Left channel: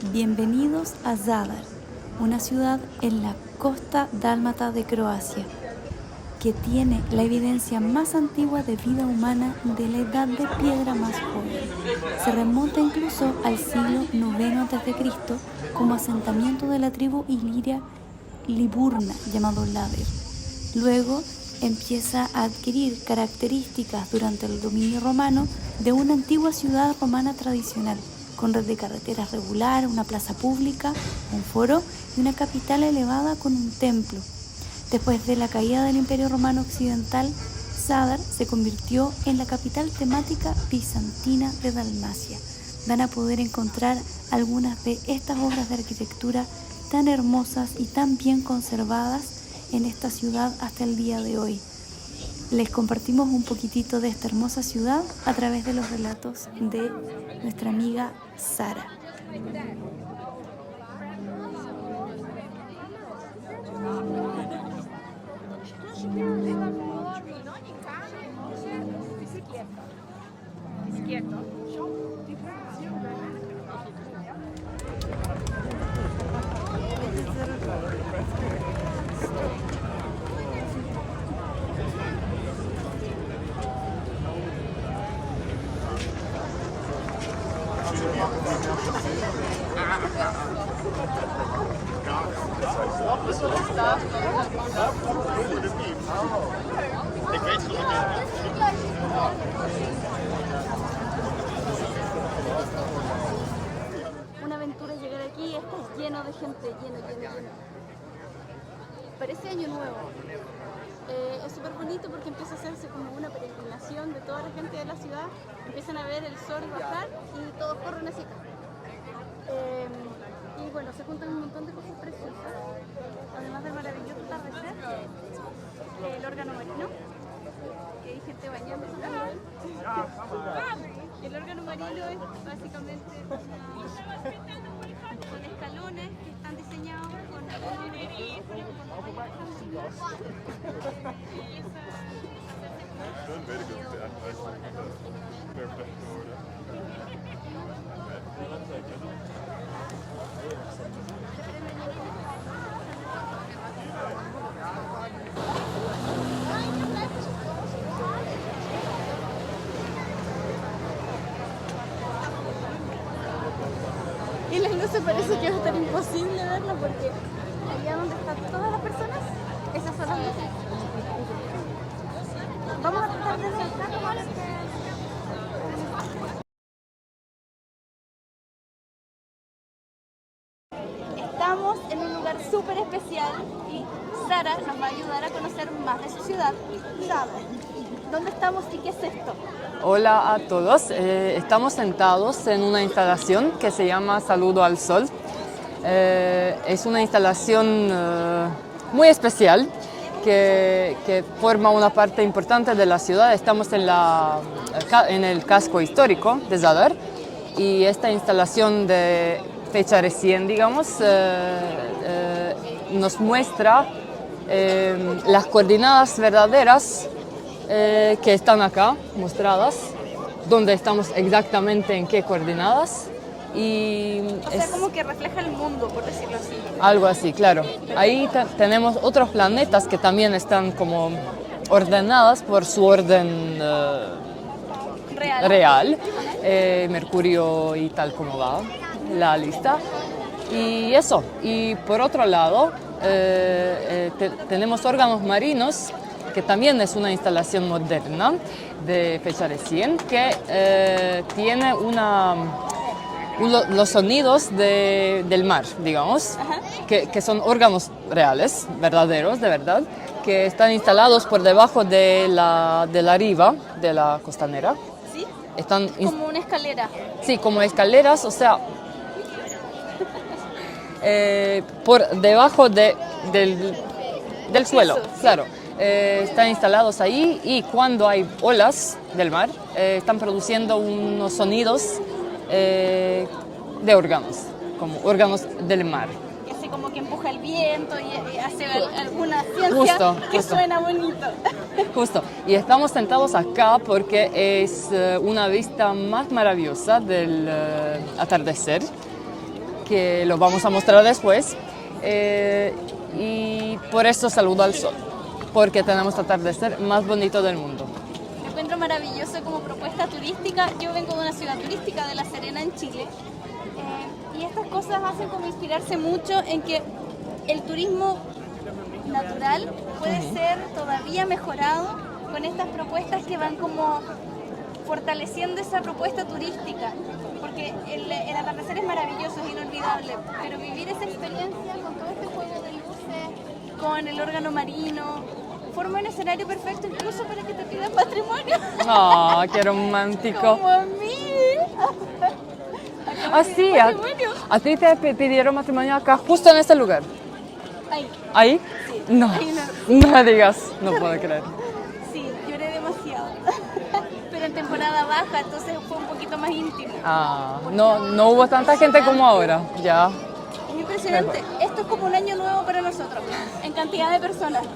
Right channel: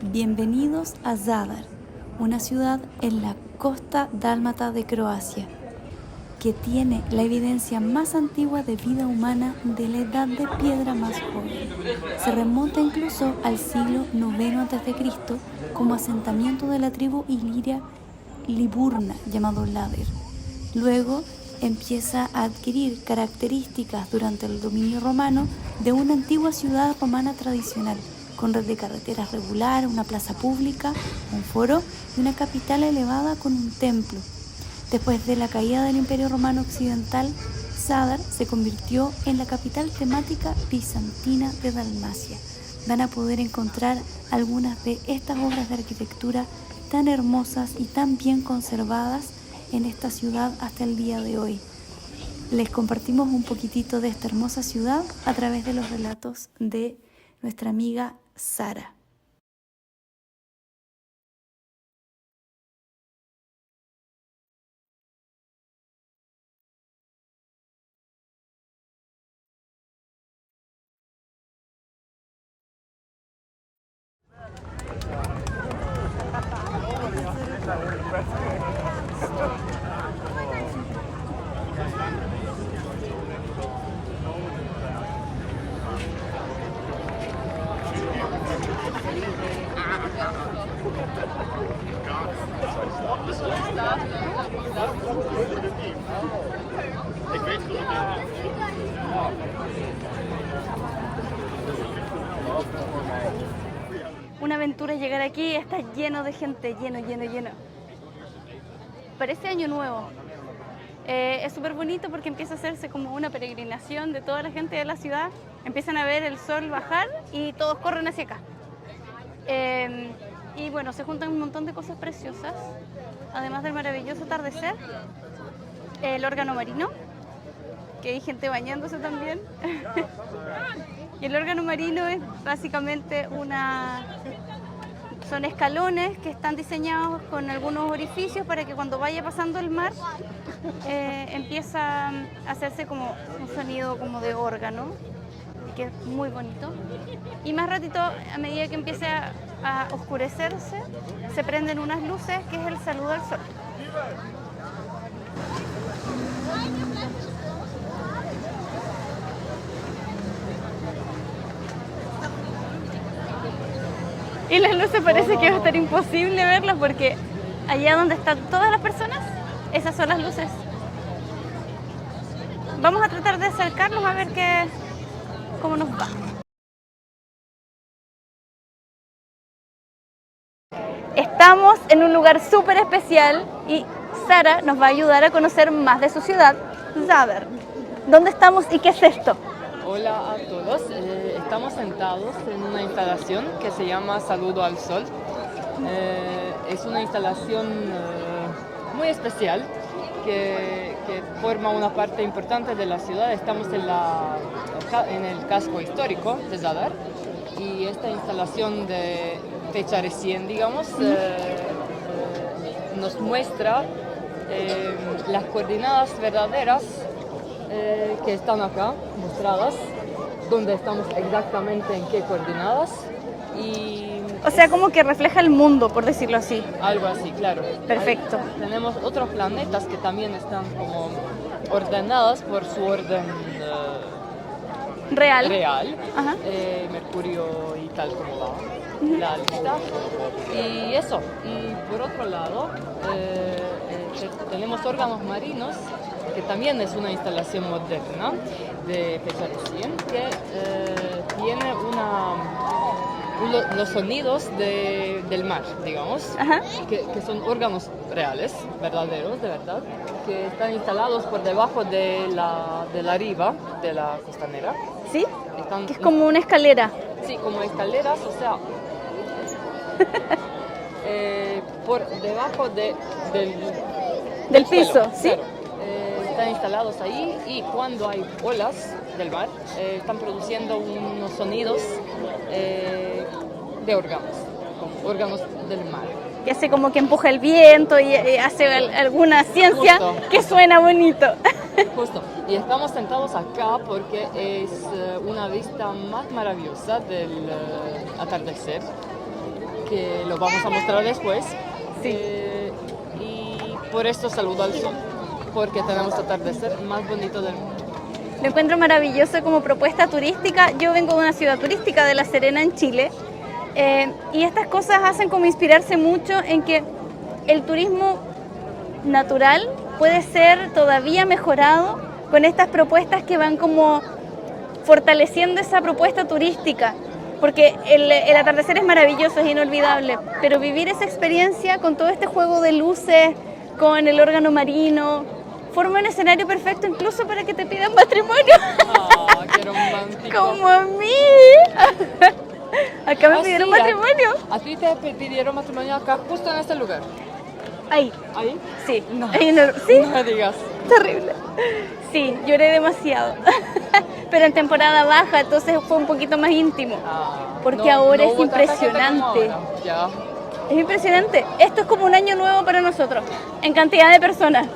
Bienvenidos a Zadar, una ciudad en la costa dálmata de Croacia, que tiene la evidencia más antigua de vida humana de la edad de piedra más joven. Se remonta incluso al siglo IX a.C. como asentamiento de la tribu iliria Liburna llamado Lader. Luego empieza a adquirir características durante el dominio romano de una antigua ciudad romana tradicional, con red de carreteras regular, una plaza pública, un foro y una capital elevada con un templo. Después de la caída del Imperio Romano Occidental, Zadar se convirtió en la capital temática bizantina de Dalmacia. Van a poder encontrar algunas de estas obras de arquitectura tan hermosas y tan bien conservadas en esta ciudad hasta el día de hoy. Les compartimos un poquitito de esta hermosa ciudad a través de los relatos de nuestra amiga Sara. Una aventura llegar aquí, está lleno de gente, lleno. Parece año nuevo. Es súper bonito porque empieza a hacerse como una peregrinación de toda la gente de la ciudad. Empiezan a ver el sol bajar y todos corren hacia acá. Y bueno, se juntan un montón de cosas preciosas, además del maravilloso atardecer, el órgano marino, que hay gente bañándose también. Y el órgano marino es básicamente son escalones que están diseñados con algunos orificios para que cuando vaya pasando el mar empieza a hacerse como un sonido como de órgano, que es muy bonito. Y más ratito, a medida que empiece a oscurecerse, se prenden unas luces, que es el saludo al sol. Y las luces parece que va a estar imposible verlas porque allá donde están todas las personas, esas son las luces. Vamos a tratar de acercarnos a ver cómo nos va. Estamos en un lugar súper especial y Sara nos va a ayudar a conocer más de su ciudad, Zadar. ¿Dónde estamos y qué es esto? Hola a todos, estamos sentados en una instalación que se llama Saludo al Sol. Es una instalación muy especial que forma una parte importante de la ciudad. Estamos en el casco histórico de Zadar y esta instalación de fecha recién, digamos, nos muestra las coordenadas verdaderas que están acá mostradas, donde estamos exactamente en qué coordenadas. O sea, como que refleja el mundo, por decirlo así. Algo así, claro. Perfecto. Ahí tenemos otros planetas que también están como ordenadas por su orden real. Mercurio y tal como va la lista. Y eso. Y por otro lado, tenemos órganos marinos, que también es una instalación moderna de fecha recién, que tiene los sonidos del mar, digamos, que son órganos reales, verdaderos, de verdad, que están instalados por debajo de la riva de la costanera. ¿Sí? Es como una escalera. Sí, como escaleras, o sea, por debajo del suelo, piso, ¿sí? Claro. Están instalados ahí y cuando hay olas del mar están produciendo unos sonidos de órganos, como órganos del mar. Que hace como que empuja el viento y hace alguna ciencia. Justo. Que suena bonito. Justo. Y estamos sentados acá porque es una vista más maravillosa del atardecer, que los vamos a mostrar después. Y por eso Saludo al Sol, porque tenemos el atardecer más bonito del mundo. Lo encuentro maravilloso como propuesta turística. Yo vengo de una ciudad turística, de La Serena, en Chile, y estas cosas hacen como inspirarse mucho en que el turismo natural puede ser todavía mejorado con estas propuestas que van como fortaleciendo esa propuesta turística, porque el atardecer es maravilloso, es inolvidable, pero vivir esa experiencia con todo este juego de luces, con el órgano marino, forma un escenario perfecto incluso para que te pidan matrimonio. ¡Ah, qué romántico! Como a mí. Acá me pidieron matrimonio. ¿A ti te pidieron matrimonio acá, justo en este lugar? Ahí. ¿Ahí? Sí. No, ¿Sí? no digas, no puedo Terrible. creer. Sí, lloré demasiado. Pero en temporada baja, entonces fue un poquito más íntimo. Ah, Porque no, ahora no es hubo tanta gente como impresionante. ahora, ya. Es impresionante. Esto es como un año nuevo para nosotros, en cantidad de personas.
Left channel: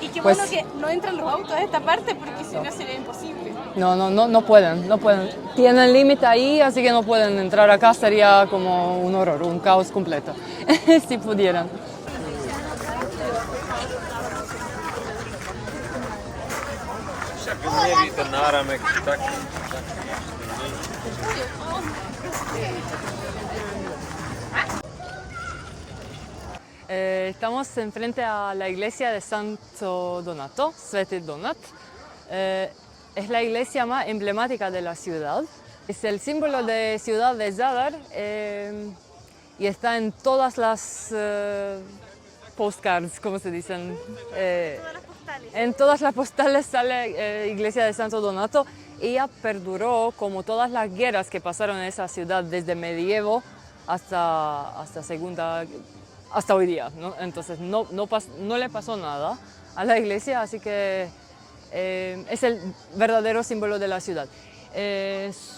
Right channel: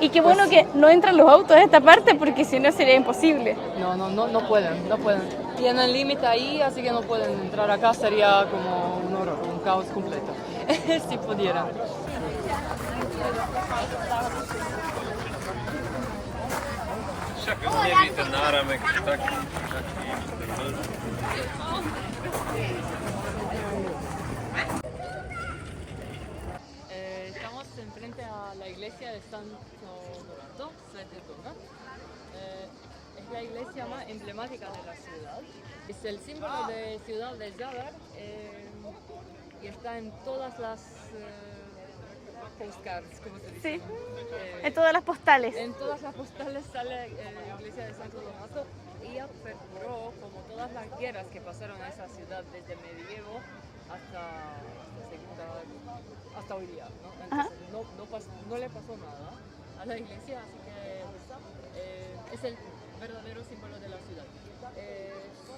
Y qué bueno Pues- que no entran los autos a esta parte, porque si no sería imposible. No pueden. Tienen límite ahí, así que no pueden entrar acá, sería como un horror, un caos completo, si pudieran. Nie widzę na ramek, tak. Estamos enfrente a la iglesia de Santo Donato, Sveti Donat. Es la iglesia más emblemática de la ciudad. Es el símbolo de ciudad de Zadar y está en todas las postcards, como se dicen. De todas las postales. En todas las postales sale iglesia de Santo Donato. Ella perduró como todas las guerras que pasaron en esa ciudad desde medievo hasta hoy día, ¿no? Entonces no le pasó nada a la iglesia, así que es el verdadero símbolo de la ciudad.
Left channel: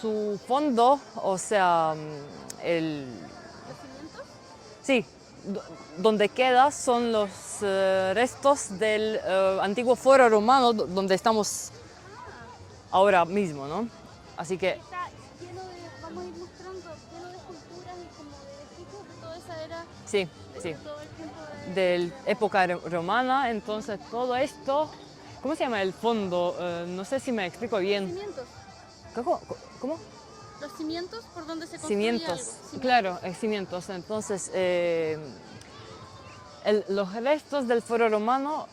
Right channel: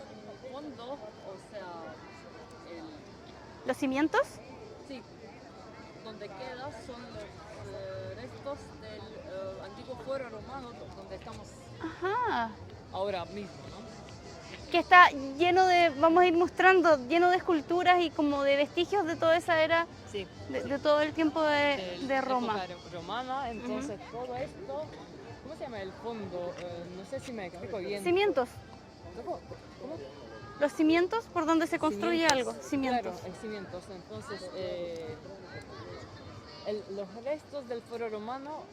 Su fondo, o sea, ¿Los cimientos? sí, donde queda son los restos del antiguo foro romano donde estamos Ajá. ahora mismo, ¿no? Así Que que está lleno de, vamos a ir mostrando, lleno de esculturas y como de vestigios de toda esa era, sí, sí. de todo el tiempo de De Roma. época romana, entonces todo esto, ¿cómo se llama el fondo? No sé si me explico bien. Cimientos. ¿Cómo? Los cimientos por donde se construye Cimientos. algo. Cimientos. Claro, cimientos. Entonces, los restos del foro romano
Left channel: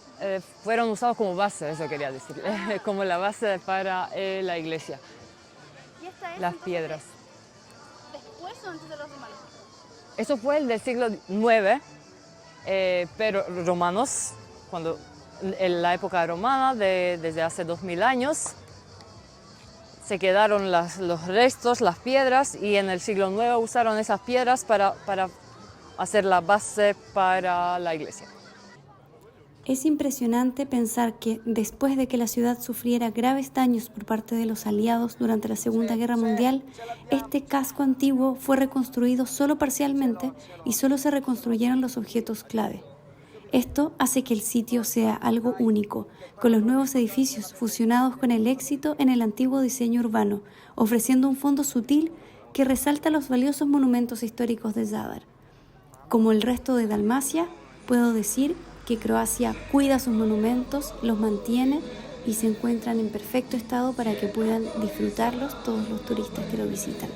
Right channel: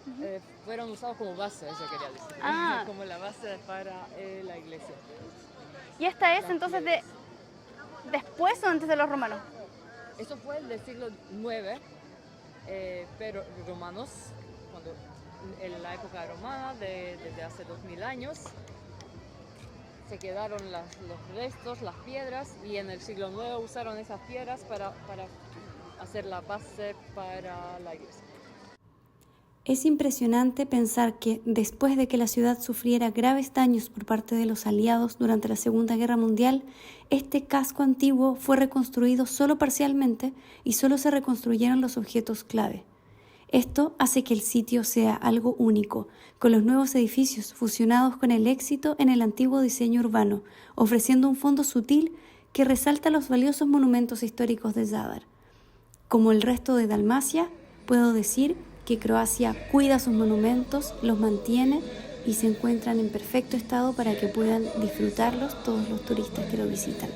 fueron usados como base, eso quería decir, Ah. como la base para la iglesia. Y esta es Las entonces piedras. después o antes de los romanos. Eso fue el del siglo IX, pero romanos, cuando en la época romana, desde hace 2000 años, se quedaron los restos, las piedras, y en el siglo IX usaron esas piedras para hacer la base para la iglesia. Es impresionante pensar que, después de que la ciudad sufriera graves daños por parte de los aliados durante la Segunda Guerra Mundial, este casco antiguo fue reconstruido solo parcialmente y solo se reconstruyeron los objetos clave. Esto hace que el sitio sea algo único, con los nuevos edificios fusionados con el éxito en el antiguo diseño urbano, ofreciendo un fondo sutil que resalta los valiosos monumentos históricos de Zadar. Como el resto de Dalmacia, puedo decir que Croacia cuida sus monumentos, los mantiene y se encuentran en perfecto estado para que puedan disfrutarlos todos los turistas que lo visitan.